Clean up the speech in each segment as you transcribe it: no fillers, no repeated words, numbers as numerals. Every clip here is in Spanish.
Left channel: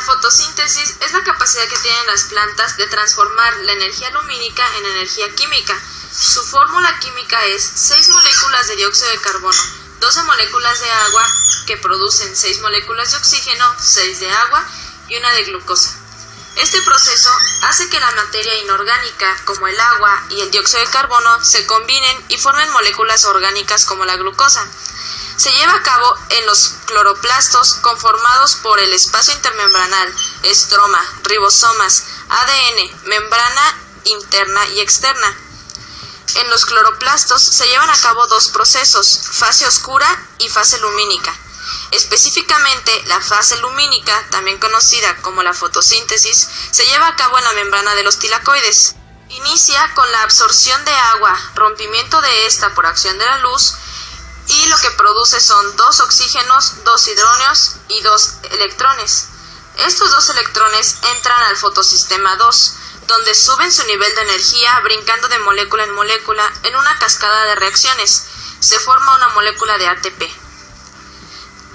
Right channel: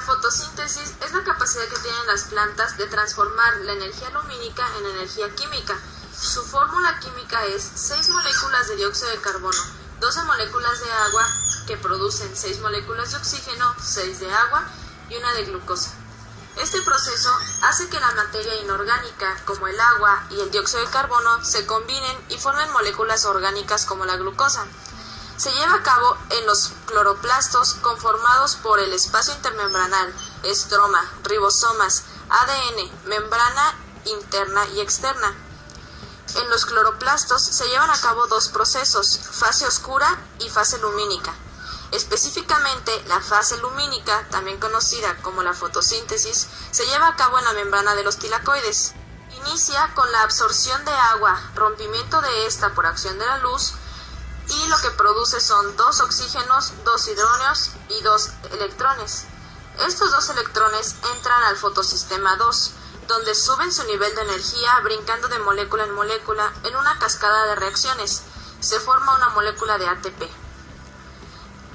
La fotosíntesis es la capacidad que tienen las plantas de transformar la energía lumínica en energía química. Su fórmula química es 6 moléculas de dióxido de carbono, 12 moléculas de agua que producen 6 moléculas de oxígeno, 6 de agua y una de glucosa. Este proceso hace que la materia inorgánica, como el agua y el dióxido de carbono, se combinen y formen moléculas orgánicas como la glucosa. Se lleva a cabo en los cloroplastos conformados por el espacio intermembranal, estroma, ribosomas, ADN, membrana interna y externa. En los cloroplastos se llevan a cabo dos procesos, fase oscura y fase lumínica. Específicamente, la fase lumínica, también conocida como la fotosíntesis, se lleva a cabo en la membrana de los tilacoides. Inicia con la absorción de agua, rompimiento de esta por acción de la luz, y lo que produce son 2 oxígenos, 2 hidrógenos y 2 electrones. Estos 2 electrones entran al fotosistema 2, donde suben su nivel de energía brincando de molécula en molécula en una cascada de reacciones. Se forma una molécula de ATP.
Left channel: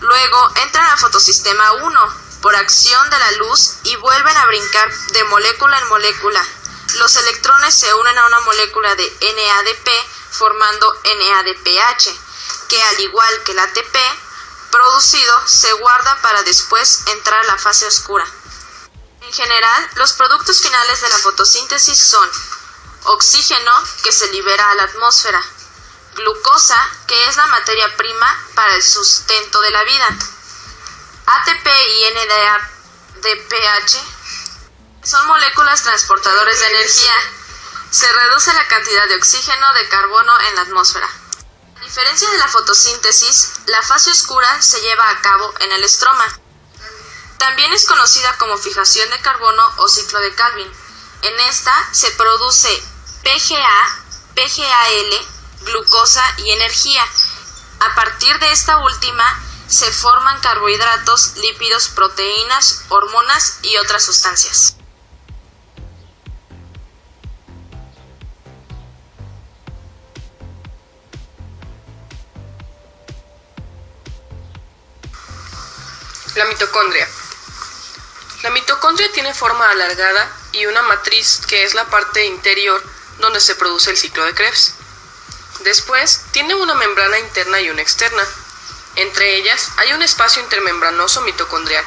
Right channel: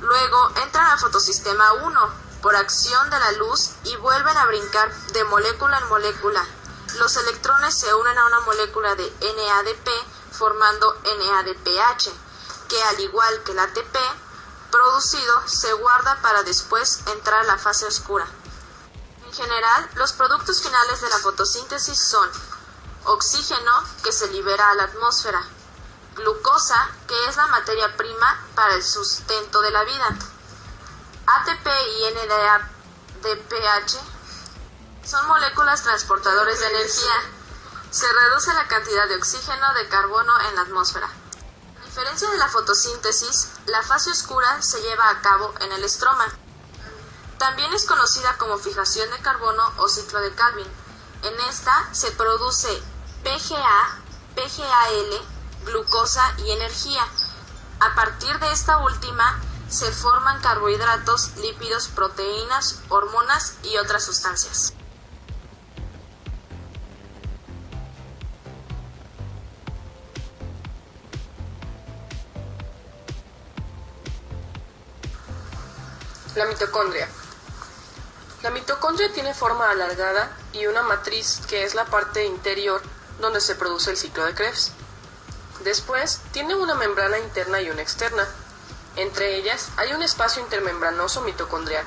Luego entran al fotosistema 1 por acción de la luz y vuelven a brincar de molécula en molécula. Los electrones se unen a una molécula de NADP formando NADPH, que al igual que el ATP producido se guarda para después entrar a la fase oscura. En general, los productos finales de la fotosíntesis son oxígeno, que se libera a la atmósfera, glucosa, que es la materia prima para el sustento de la vida, ATP y NADPH son moléculas transportadores de energía. Se reduce la cantidad de oxígeno de carbono en la atmósfera. A diferencia de la fotosíntesis, la fase oscura se lleva a cabo en el estroma. También es conocida como fijación de carbono o ciclo de Calvin. En esta se produce PGA, PGAL, glucosa y energía. A partir de esta última se forman carbohidratos, lípidos, proteínas, hormonas y otras sustancias. La mitocondria. La mitocondria tiene forma alargada y una matriz que es la parte interior donde se produce el ciclo de Krebs. Después, tiene una membrana interna y una externa. Entre ellas hay un espacio intermembranoso mitocondrial.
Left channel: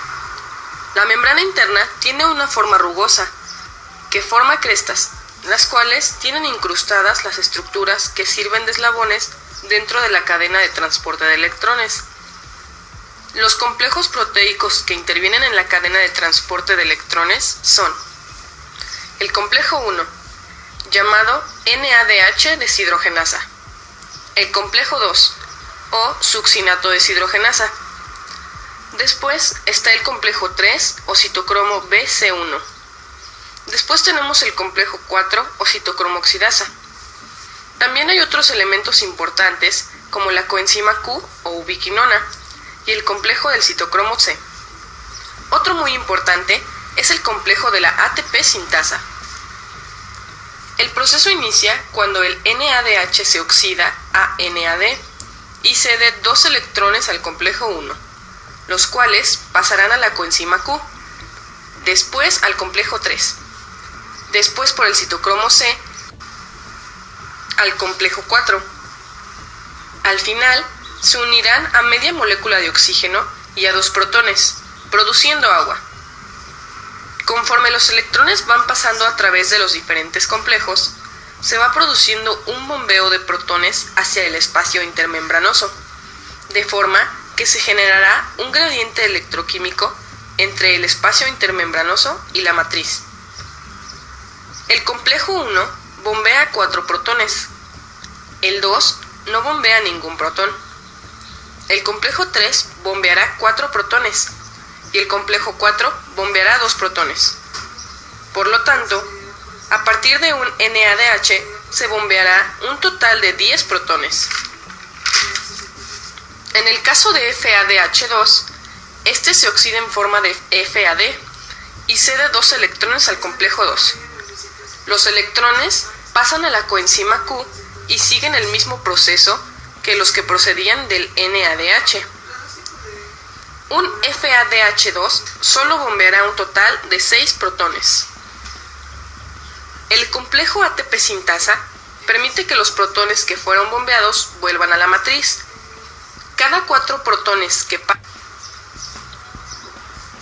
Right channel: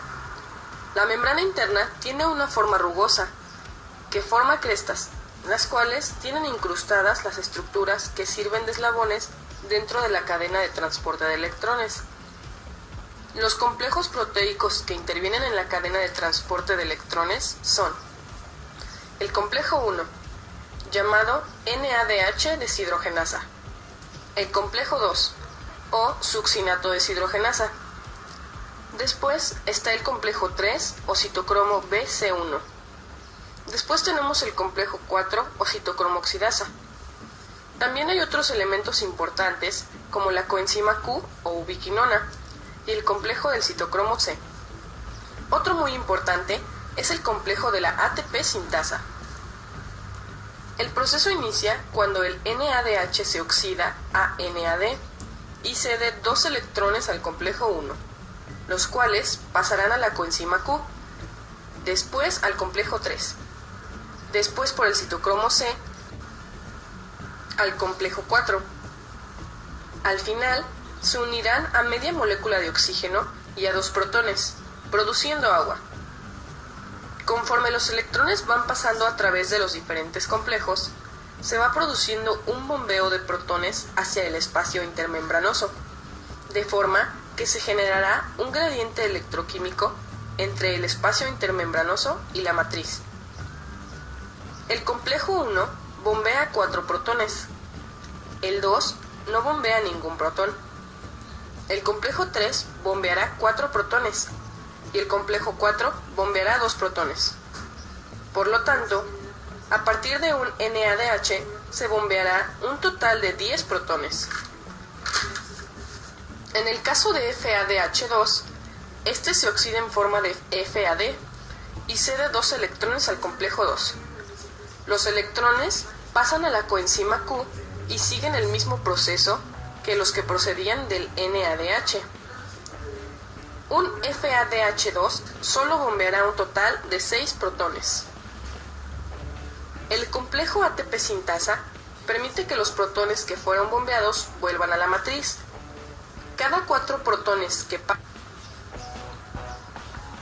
La membrana interna tiene una forma rugosa, que forma crestas, las cuales tienen incrustadas las estructuras que sirven de eslabones dentro de la cadena de transporte de electrones. Los complejos proteicos que intervienen en la cadena de transporte de electrones son el complejo 1, llamado NADH deshidrogenasa, el complejo 2, o succinato deshidrogenasa. Después está el complejo 3, o citocromo BC1. Después tenemos el complejo 4, o citocromo oxidasa. También hay otros elementos importantes, como la coenzima Q o ubiquinona, y el complejo del citocromo C. Otro muy importante es el complejo de la ATP sintasa. El proceso inicia cuando el NADH se oxida a NAD y cede 2 electrones al complejo 1, los cuales pasarán a la coenzima Q, después al complejo 3, después por el citocromo C al complejo 4. Al final, se unirán a media molécula de oxígeno y a 2 protones, produciendo agua. Conforme los electrones van pasando a través de los diferentes complejos, se va produciendo un bombeo de protones hacia el espacio intermembranoso, de forma que se generará un gradiente electroquímico entre el espacio intermembranoso y la matriz. El complejo 1 bombea 4 protones, el 2 no bombea ningún protón. El complejo 3 bombeará 4 protones y el complejo 4 bombeará 2 protones. Por lo tanto, a partir de un NADH se bombeará un total de 10 protones. En el caso de FADH2, este se oxida en forma de FAD y cede 2 electrones al complejo 2. Los electrones pasan a la coenzima Q y siguen el mismo proceso que los que procedían del NADH. Un FADH2 solo bombeará un total de 6 protones. El complejo ATP sintasa permite que los protones que fueron bombeados vuelvan a la matriz. Cada 4 protones que pasan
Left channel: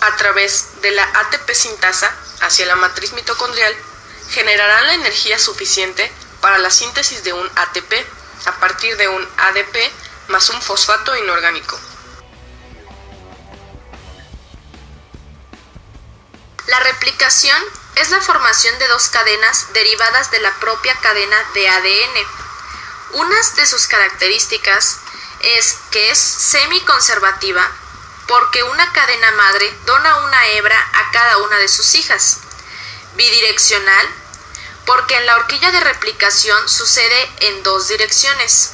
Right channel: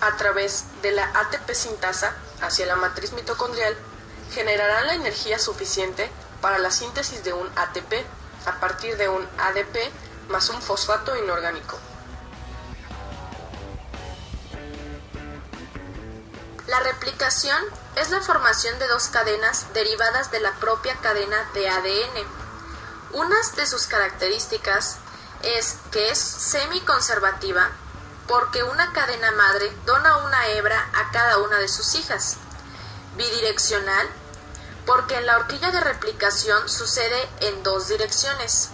a través de la ATP sintasa hacia la matriz mitocondrial generarán la energía suficiente para la síntesis de un ATP a partir de un ADP más un fosfato inorgánico. La replicación es la formación de 2 cadenas derivadas de la propia cadena de ADN. Una de sus características es que es semiconservativa porque una cadena madre dona una hebra a cada una de sus hijas. Bidireccional porque en la horquilla de replicación sucede en 2 direcciones.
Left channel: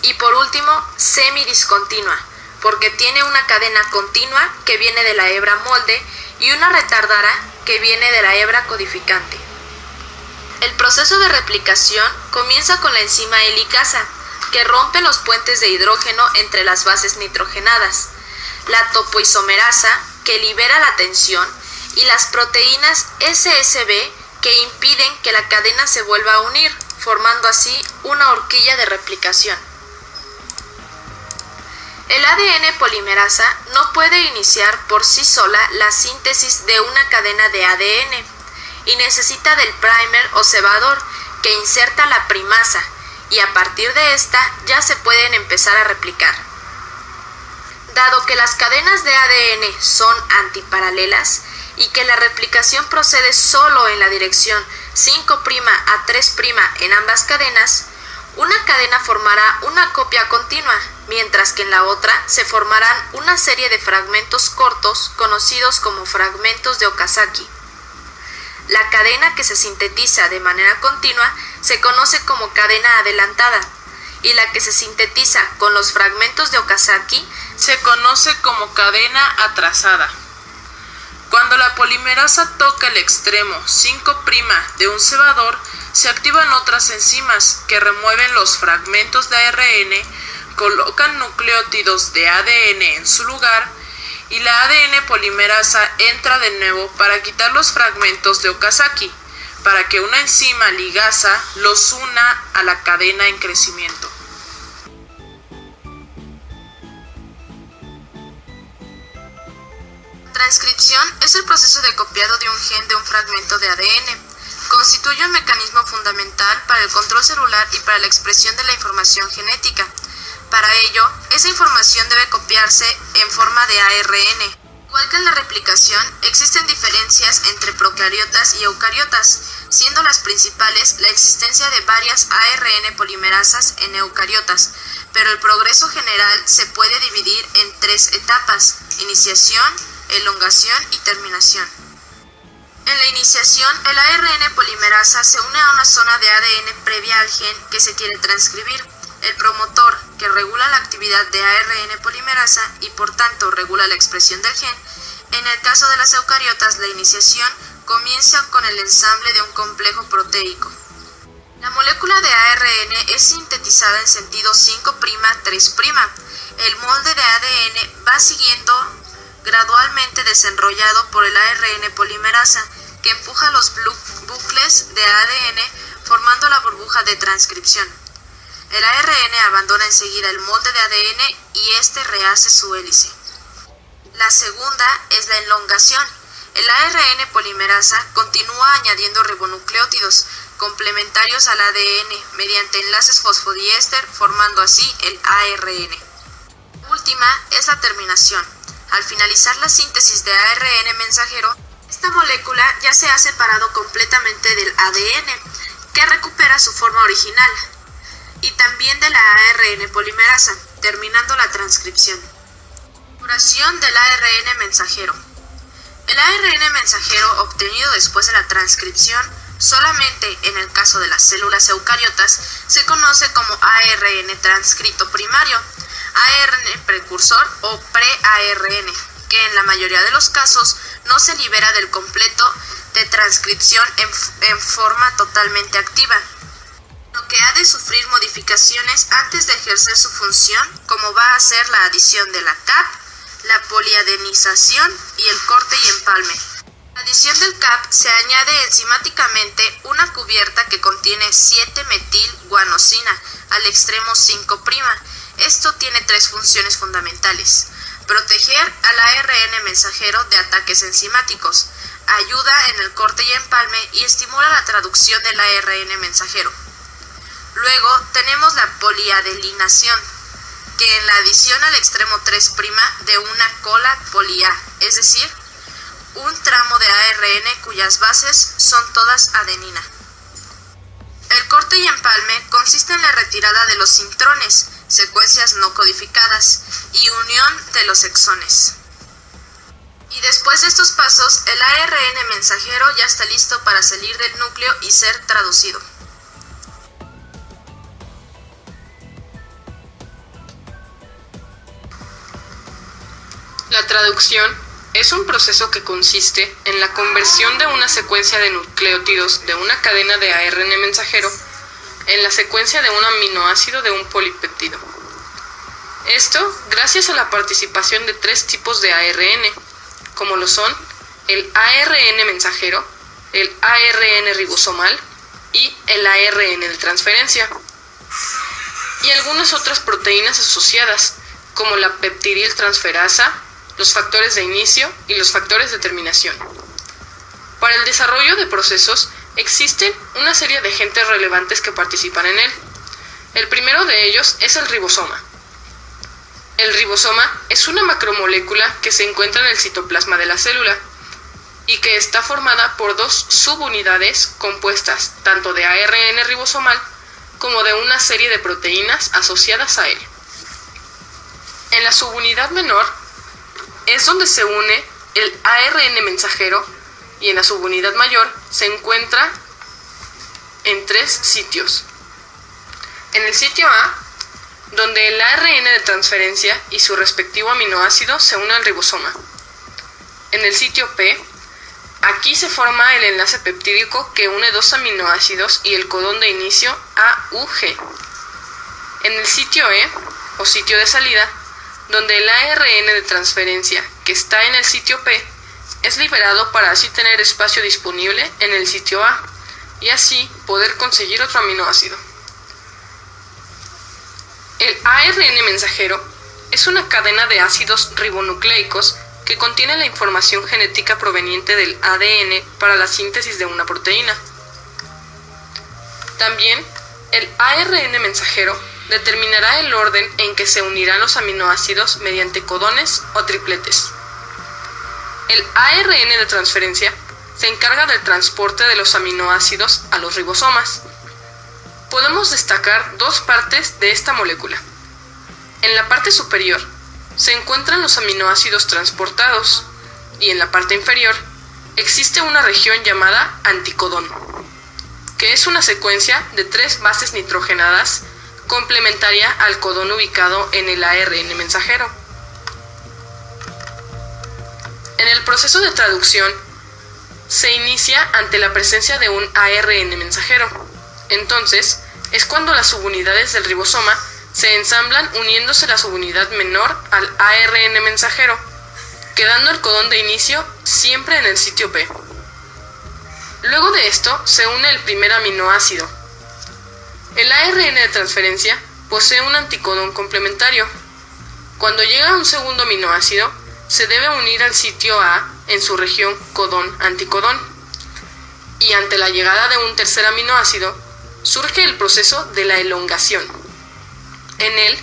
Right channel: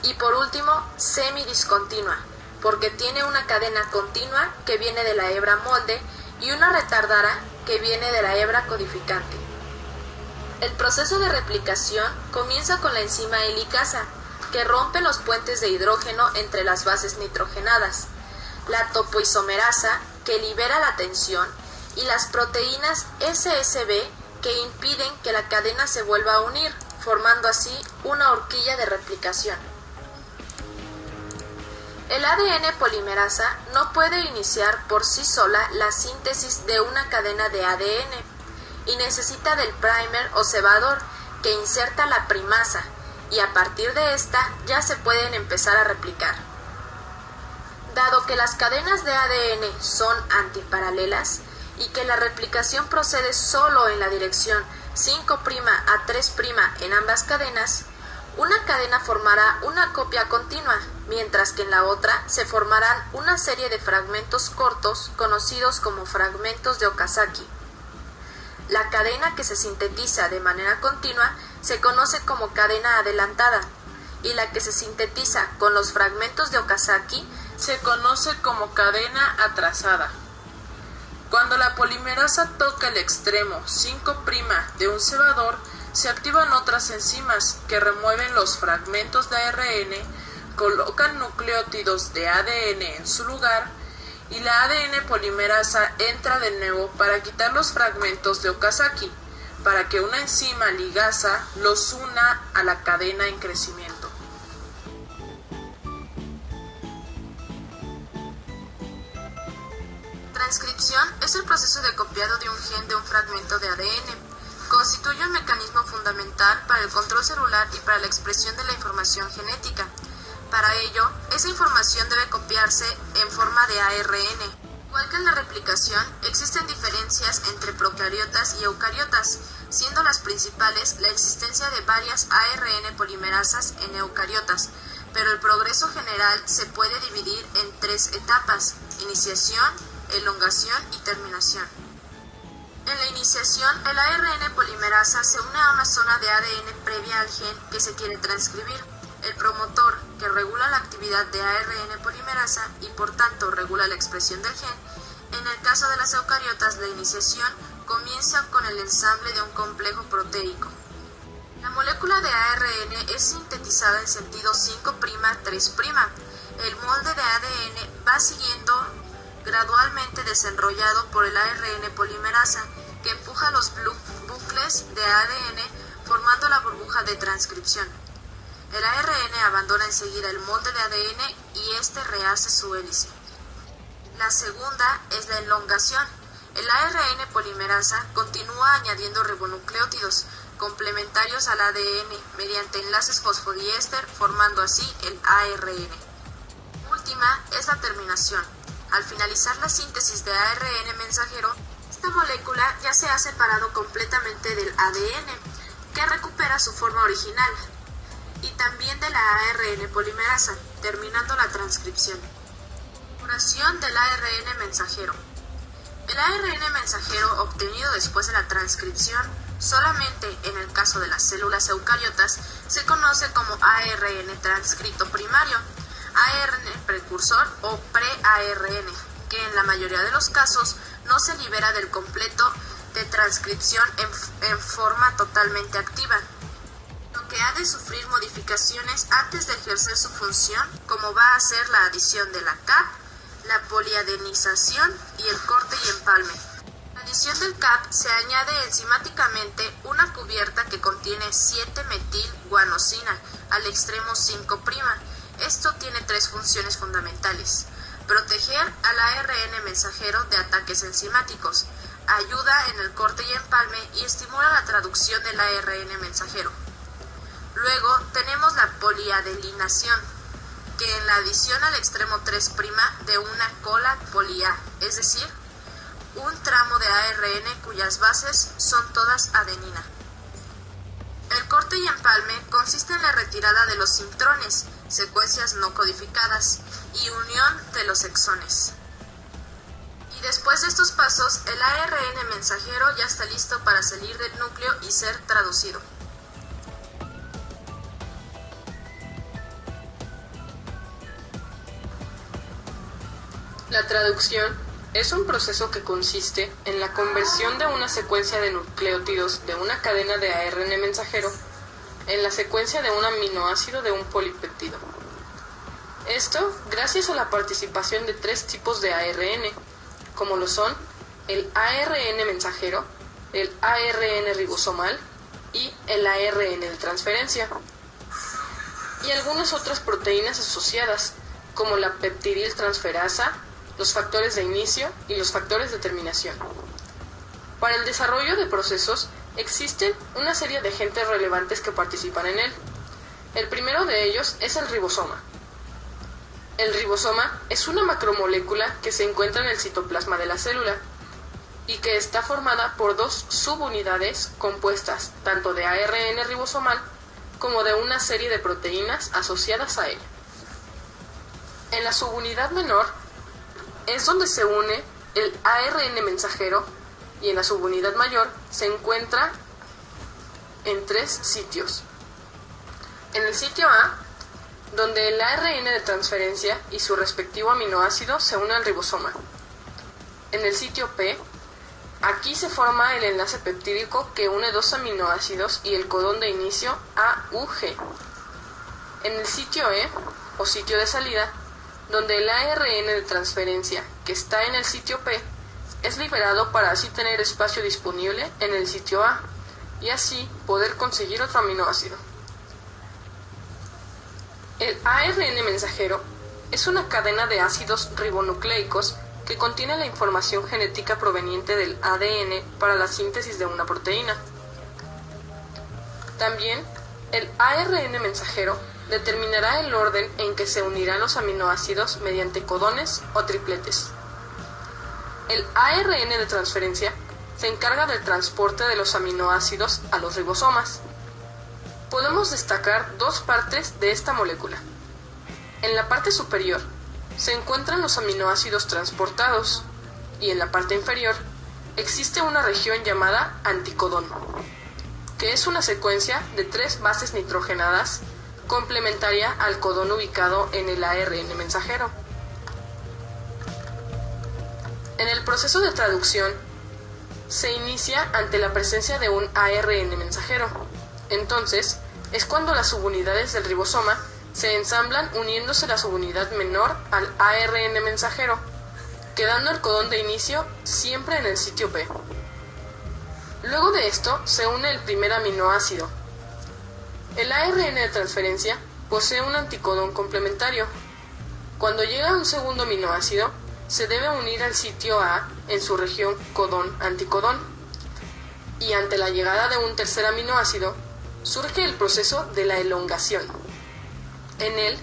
Y por último, semidiscontinua porque tiene una cadena continua que viene de la hebra molde y una retardada que viene de la hebra codificante. El proceso de replicación comienza con la enzima helicasa, que rompe los puentes de hidrógeno entre las bases nitrogenadas, la topoisomerasa, que libera la tensión, y las proteínas SSB, que impiden que la cadena se vuelva a unir, formando así una horquilla de replicación. El ADN polimerasa no puede iniciar por sí sola la síntesis de una cadena de ADN y necesita del primer o cebador que inserta la primasa y a partir de esta ya se pueden empezar a replicar. Dado que las cadenas de ADN son antiparalelas y que la replicación procede solo en la dirección 5' a 3' en ambas cadenas, una cadena formará una copia continua, mientras que en la otra se formarán una serie de fragmentos cortos conocidos como fragmentos de Okazaki. La cadena que se sintetiza de manera continua se conoce como cadena adelantada, y la que se sintetiza con los fragmentos de Okazaki se conoce como cadena atrasada. Cuando la polimerasa toca el extremo 5' de un cebador, se activan otras enzimas que remueven los fragmentos de ARN, colocan nucleótidos de ADN en su lugar y la ADN polimerasa entra de nuevo para quitar los fragmentos de Okazaki, para que una enzima ligasa los una a la cadena en crecimiento. Transcripción es el proceso de copiado de un gen de un fragmento de ADN. Constituye un mecanismo fundamental para el control celular y para la expresión de la información genética. Para ello, esa información debe copiarse en forma de ARN. Igual que en la replicación, existen diferencias entre procariotas y eucariotas, siendo las principales la existencia de varias ARN polimerasas en eucariotas, pero el progreso general se puede dividir en 3 etapas: iniciación, elongación y terminación. En la iniciación, el ARN polimerasa se une a una zona de ADN previa al gen que se quiere transcribir. El promotor, que regula la actividad de ARN polimerasa y por tanto regula la expresión del gen. En el caso de las eucariotas, la iniciación comienza con el ensamble de un complejo proteico. La molécula de ARN es sintetizada en sentido 5'-3'. El molde de ADN va siguiendo gradualmente desenrollado por el ARN polimerasa, que empuja los bucles de ADN formando la burbuja de transcripción. El ARN abandona enseguida el molde de ADN y este rehace su hélice. La segunda es la elongación. El ARN polimerasa continúa añadiendo ribonucleótidos complementarios al ADN mediante enlaces fosfodiéster, formando así el ARN. La última es la terminación. Al finalizar la síntesis de ARN mensajero, esta molécula ya se ha separado completamente del ADN, que recupera su forma original, y también de la ARN polimerasa, terminando la transcripción. Duración del ARN mensajero. El ARN mensajero obtenido después de la transcripción, solamente en el caso de las células eucariotas, se conoce como ARN transcrito primario, ARN precursor o pre-ARN, que en la mayoría de los casos no se libera del completo de transcripción en forma totalmente activa, lo que ha de sufrir modificaciones antes de ejercer su función, como va a ser la adición de la CAP, la poliadenización y el corte y empalme. A la adición del CAP se añade enzimáticamente una cubierta que contiene 7-metil-guanosina al extremo 5'. Esto tiene tres funciones fundamentales: proteger al ARN mensajero de ataques enzimáticos, ayuda en el corte y empalme y estimula la traducción del ARN mensajero. Luego tenemos la poliadelinación, que en la adición al extremo 3' de una cola poli-A, es decir, un tramo de ARN cuyas bases son todas adenina. El corte y empalme consiste en la retirada de los intrones, secuencias no codificadas, y unión de los exones. Y después de estos pasos, el ARN mensajero ya está listo para salir del núcleo y ser traducido. La traducción es un proceso que consiste en la conversión de una secuencia de nucleótidos de una cadena de ARN mensajero en la secuencia de un aminoácido de un polipéptido. Esto gracias a la participación de tres tipos de ARN, como lo son el ARN mensajero, el ARN ribosomal y el ARN de transferencia, y algunas otras proteínas asociadas, como la peptidiltransferasa, los factores de inicio y los factores de terminación. Para el desarrollo de procesos existen una serie de agentes relevantes que participan en él. El primero de ellos es el ribosoma. El ribosoma es una macromolécula que se encuentra en el citoplasma de la célula y que está formada por dos subunidades compuestas tanto de ARN ribosomal como de una serie de proteínas asociadas a él. En la subunidad menor es donde se une el ARN mensajero y en la subunidad mayor se encuentra en tres sitios. En el sitio A, donde el ARN de transferencia y su respectivo aminoácido se unen al ribosoma. En el sitio P, aquí se forma el enlace peptídico que une dos aminoácidos y el codón de inicio AUG. En el sitio E, o sitio de salida, donde el ARN de transferencia que está en el sitio P es liberado para así tener espacio disponible en el sitio A y así poder conseguir otro aminoácido. El ARN mensajero es una cadena de ácidos ribonucleicos que contiene la información genética proveniente del ADN para la síntesis de una proteína. También, el ARN mensajero determinará el orden en que se unirán los aminoácidos mediante codones o tripletes. El ARN de transferencia se encarga del transporte de los aminoácidos a los ribosomas. Podemos destacar dos partes de esta molécula. En la parte superior se encuentran los aminoácidos transportados y en la parte inferior existe una región llamada anticodón, que es una secuencia de 3 bases nitrogenadas complementaria al codón ubicado en el ARN mensajero. En el proceso de traducción se inicia ante la presencia de un ARN mensajero. Entonces, es cuando las subunidades del ribosoma se ensamblan uniéndose la subunidad menor al ARN mensajero, quedando el codón de inicio siempre en el sitio P. Luego de esto se une el primer aminoácido. El ARN de transferencia posee un anticodón complementario. Cuando llega un segundo aminoácido, se debe unir al sitio A en su región codón-anticodón. Y ante la llegada de un tercer aminoácido, surge el proceso de la elongación. En él,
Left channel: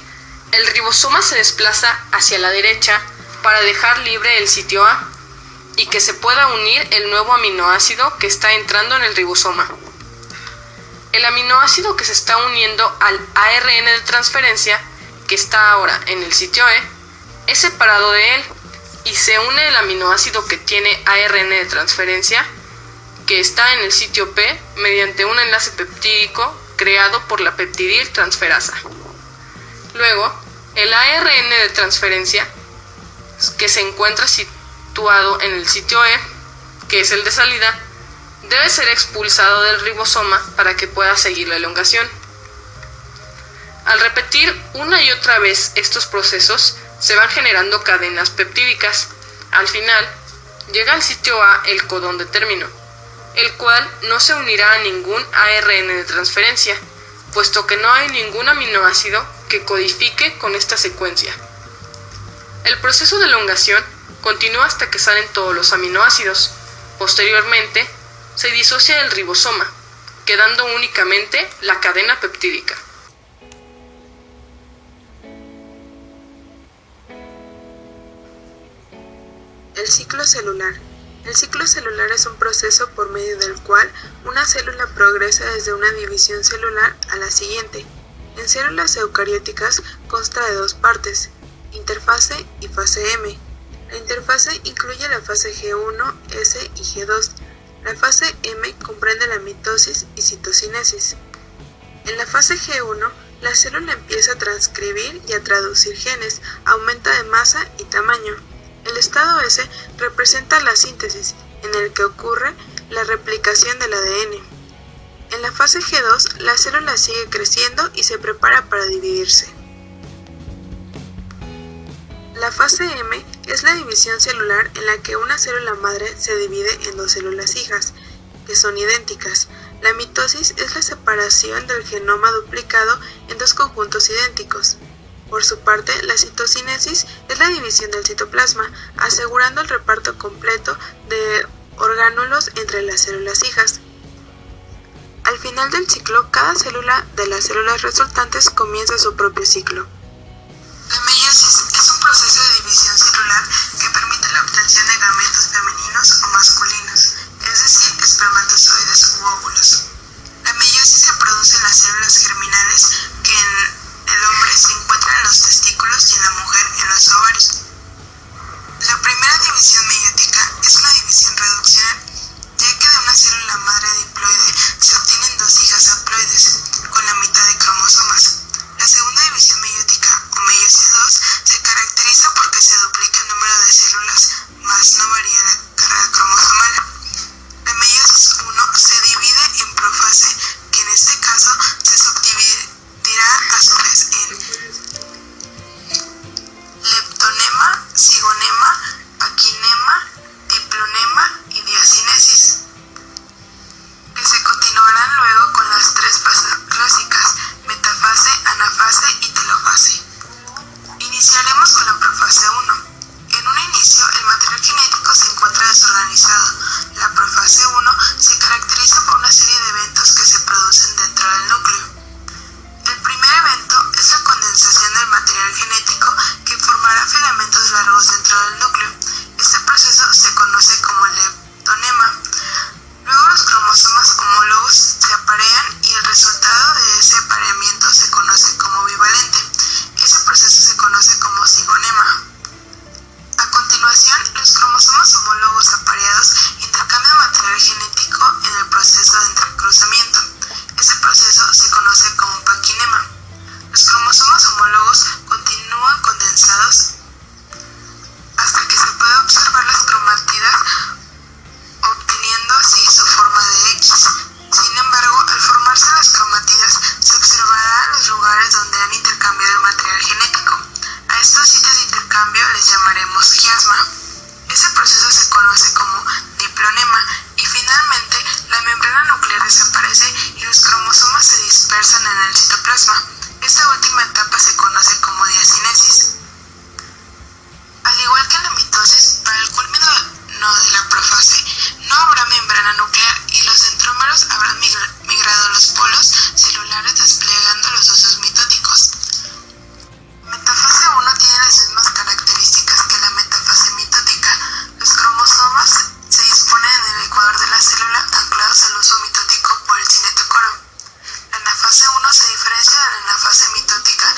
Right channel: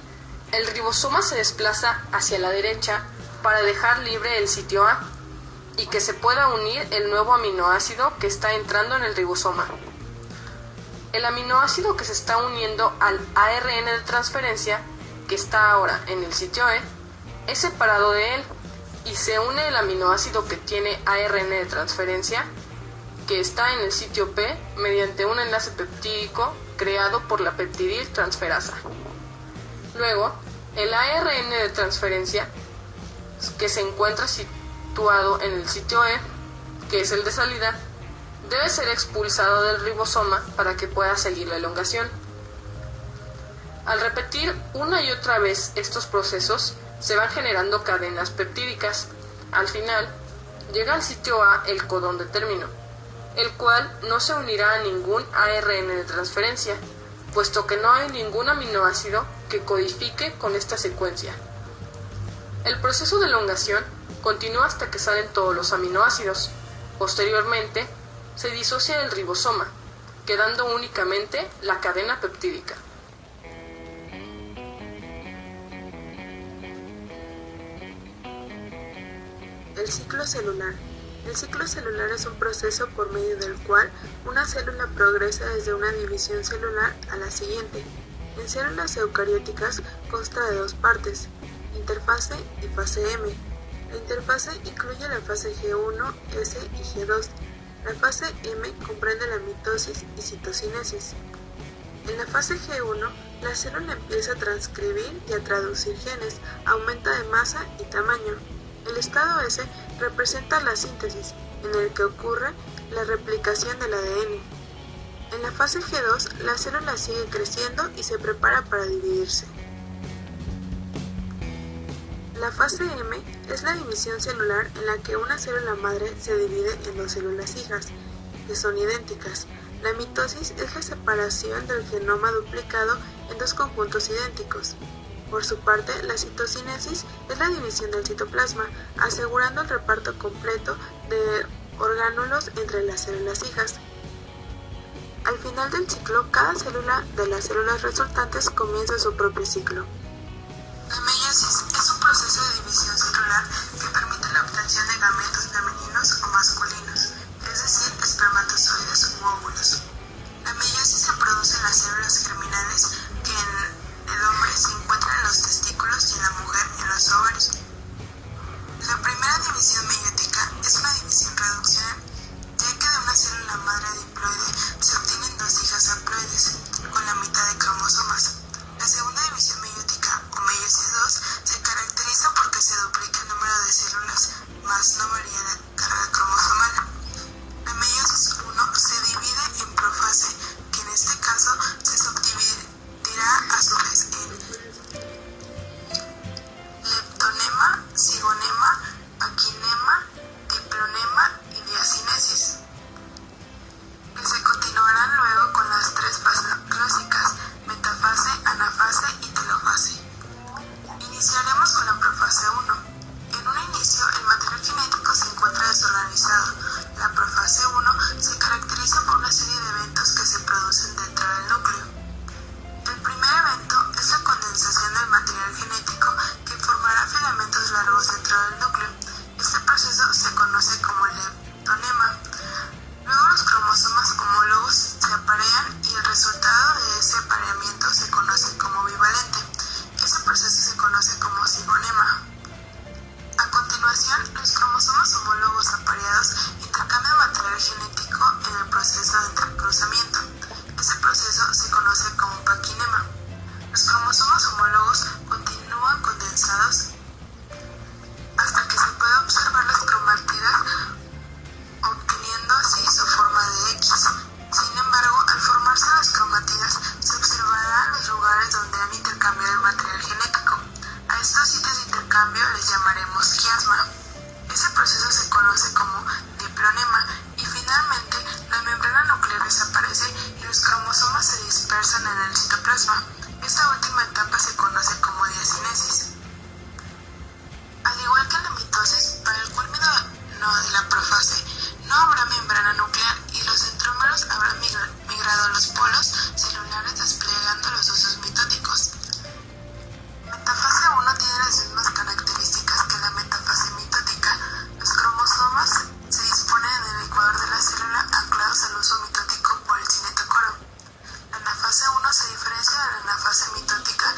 el ribosoma se desplaza hacia la derecha para dejar libre el sitio A y que se pueda unir el nuevo aminoácido que está entrando en el ribosoma. El aminoácido que se está uniendo al ARN de transferencia, que está ahora en el sitio E, es separado de él y se une el aminoácido que tiene ARN de transferencia, que está en el sitio P, mediante un enlace peptídico creado por la peptidiltransferasa. Luego, el ARN de transferencia, que se encuentra situado en el sitio E, que es el de salida, debe ser expulsado del ribosoma para que pueda seguir la elongación. Al repetir una y otra vez estos procesos, se van generando cadenas peptídicas. Al final, llega al sitio A el codón de término, el cual no se unirá a ningún ARN de transferencia, puesto que no hay ningún aminoácido que codifique con esta secuencia. El proceso de elongación continúa hasta que salen todos los aminoácidos. Posteriormente, se disocia el ribosoma, quedando únicamente la cadena peptídica. El ciclo celular. El ciclo celular es un proceso por medio del cual una célula progresa desde una división celular a la siguiente. En células eucarióticas consta de dos partes, interfase y fase M. La interfase incluye la fase G1, S y G2. La fase M comprende la mitosis y citocinesis. En la fase G1, la célula empieza a transcribir y a traducir genes, aumenta de masa y tamaño. El estado S representa la síntesis, en el que ocurre la replicación del ADN. En la fase G2, la célula sigue creciendo y se prepara para dividirse. La fase M es la división celular en la que una célula madre se divide en dos células hijas, que son idénticas. La mitosis es la separación del genoma duplicado en dos conjuntos idénticos. Por su parte, la citocinesis es la división del citoplasma, asegurando el reparto completo de orgánulos entre las células hijas. Al final del ciclo, cada célula de las células resultantes comienza su propio ciclo. La meiosis es un proceso de división celular que permite la obtención de gametos femeninos o masculinos, es decir, espermatozoides u óvulos. La meiosis se produce en las células germinales que en el hombre se encuentran en los testículos y en la mujer en los ovarios. La primera división meiótica es una división reduccional, ya que de una célula madre diploide se obtienen dos hijas haploides con la mitad de cromosomas. La segunda división meiótica, o meiosis 2, se caracteriza porque se duplica el número de células, mas no varía la carga cromosomal. La meiosis 1 se divide en profase, que en este caso se subdividirá a su vez en leptonema, cigonema, paquinema, diplonema y diacinesis, que se continuarán luego con las tres fases clásicas: metafase, anafase y telofase. Iniciaremos con la profase 1. En un inicio, el material genético se encuentra desorganizado. La profase 1 se caracteriza por una serie de eventos que se producen dentro del núcleo. El primer evento es la condensación del material genético que formará filamentos largos dentro del núcleo. Este proceso se conoce como leptonema. Luego los cromosomas homólogos se aparean y el resultado de ese apareamiento se conoce como bivalente. Ese proceso se conoce como cigonema. A continuación, los cromosomas homólogos apareados intercambian material genético en el proceso de entrecruzamiento. Ese proceso se conoce como paquinema. Los cromosomas homólogos continúan condensados hasta que se puede observar las cromátidas, obteniendo así su forma de X. Sin embargo, al formarse las cromátidas, se observarán los lugares donde han intercambiado el material genético. A estos sitios de intercambio les llamaremos quiasma. Ese proceso se conoce como diplonema y finalmente la membrana nuclear desaparece y los cromosomas se dispersan en el citoplasma. Esta última etapa se conoce como diacinesis. Al igual que en la mitosis, para el culmino de la profase no habrá membrana nuclear y los centrómeros habrán migrado a los polos celulares desplegando los usos mitóticos. Metafase 1 tiene las mismas características que la metafase mitótica. Los cromosomas se disponen en el ecuador de la célula anclados al uso mitótico por el cinetocoro. La anafase 1 se diferencia de la anafase mitótica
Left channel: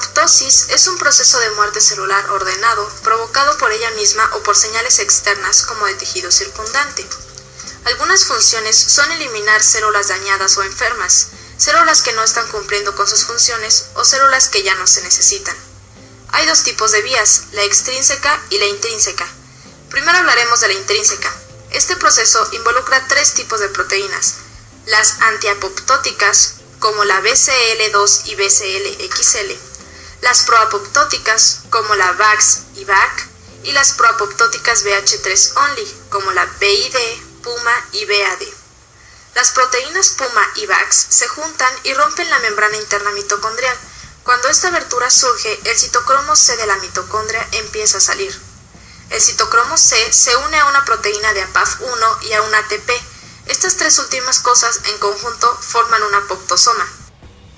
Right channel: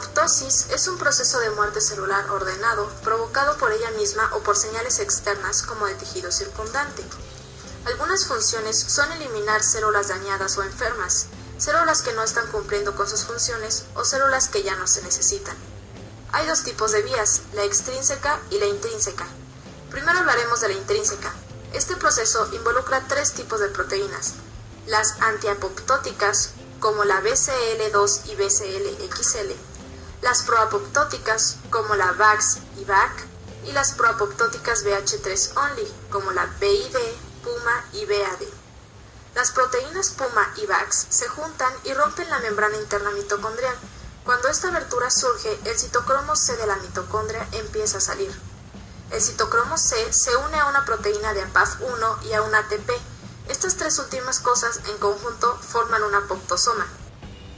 apoptosis es un proceso de muerte celular ordenado, provocado por ella misma o por señales externas como de tejido circundante. Algunas funciones son eliminar células dañadas o enfermas, células que no están cumpliendo con sus funciones o células que ya no se necesitan. Hay dos tipos de vías, la extrínseca y la intrínseca. Primero hablaremos de la intrínseca. Este proceso involucra tres tipos de proteínas: las antiapoptóticas, como la BCL2 y BCL-XL, las proapoptóticas, como la VAX y VAC, y las proapoptóticas BH3 only, como la BID, PUMA y BAD. Las proteínas PUMA y VAX se juntan y rompen la membrana interna mitocondrial. Cuando esta abertura surge, el citocromo C de la mitocondria empieza a salir. El citocromo C se une a una proteína de APAF1 y a un ATP. Estas tres últimas cosas en conjunto forman un apoptosoma.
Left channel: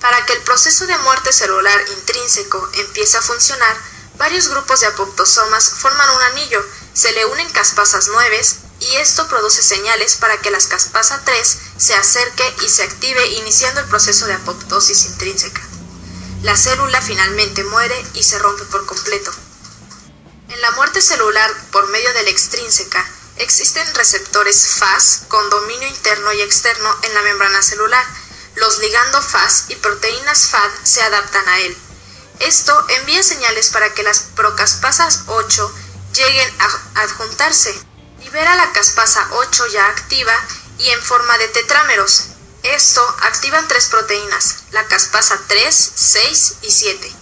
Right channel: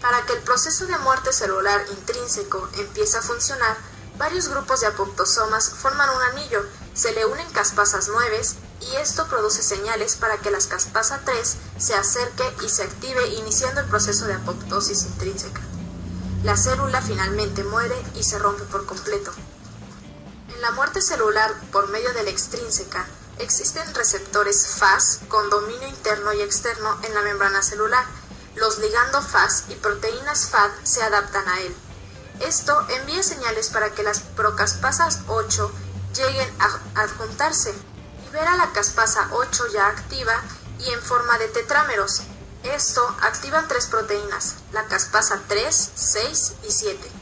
Para que el proceso de muerte celular intrínseco empiece a funcionar, varios grupos de apoptosomas forman un anillo, se le unen caspasas 9 y esto produce señales para que la caspasa 3 se acerque y se active, iniciando el proceso de apoptosis intrínseca. La célula finalmente muere y se rompe por completo. En la muerte celular por medio de la extrínseca, existen receptores Fas con dominio interno y externo en la membrana celular. Los ligando Fas y proteínas FAD se adaptan a él. Esto envía señales para que las procaspasas 8 lleguen a adjuntarse. Libera la caspasa 8 ya activa y en forma de tetrámeros. Esto activan tres proteínas, la caspasa 3, 6 y 7.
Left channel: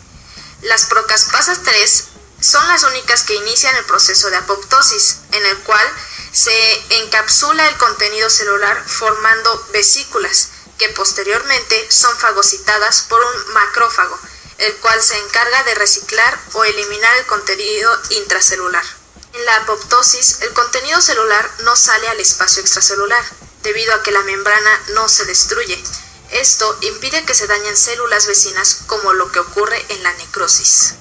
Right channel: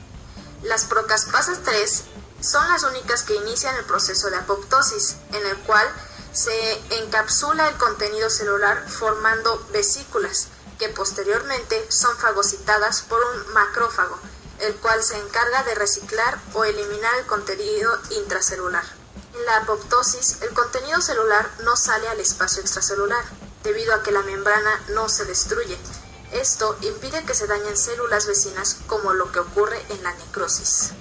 Las procaspasas 3 son las únicas que inician el proceso de apoptosis, en el cual se encapsula el contenido celular formando vesículas, que posteriormente son fagocitadas por un macrófago, el cual se encarga de reciclar o eliminar el contenido intracelular. En la apoptosis, el contenido celular no sale al espacio extracelular, debido a que la membrana no se destruye. Esto impide que se dañen células vecinas, como lo que ocurre en la necrosis.